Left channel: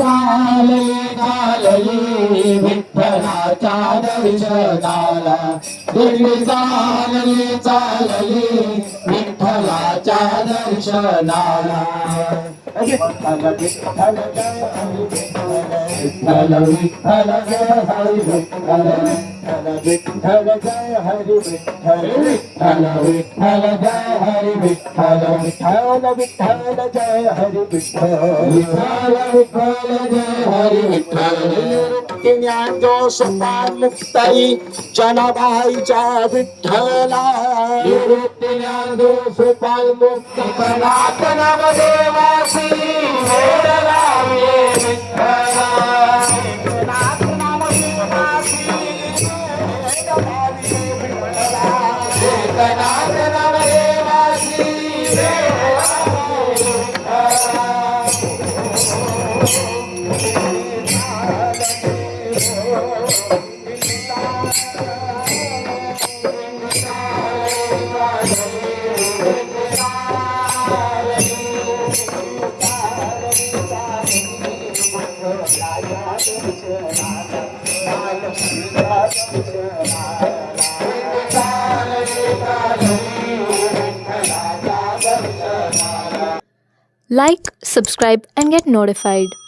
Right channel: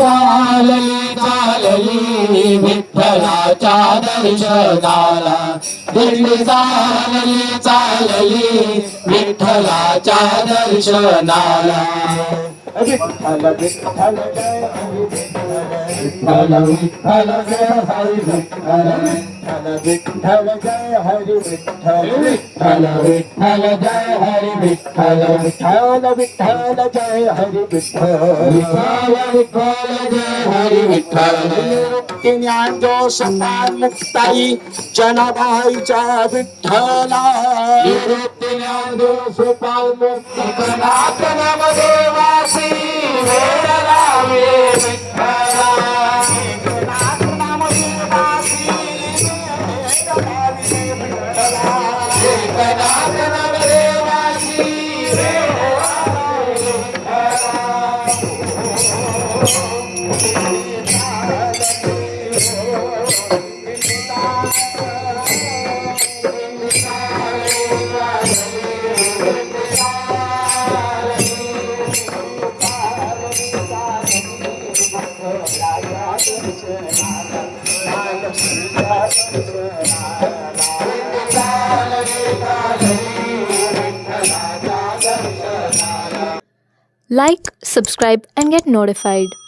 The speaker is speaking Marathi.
चालली चालली विठ्ठलाच्या दर्शनाला, दिंडी चालली चालली विठ्ठलाच्या दर्शनाला. विठ्ठल विठ्ठल जय हरी विठ्ठल, विठ्ठल जय हरी विठ्ठल, विठ्ठल जय हरी विठ्ठल, विठ्ठल विठ्ठल जय हरी विठ्ठल, विठ्ठल विठ्ठल जय हरी विठ्ठल, विठ्ठल विठ्ठल जय हरी विठ्ठल. ज्ञानदोष मुक्ताई जनाबाईच्या विठ्ठला, ज्ञानदोष मुक्त कलात नवदेवासी वेद लावे विठ्ठला. Like, subscribe and get notified.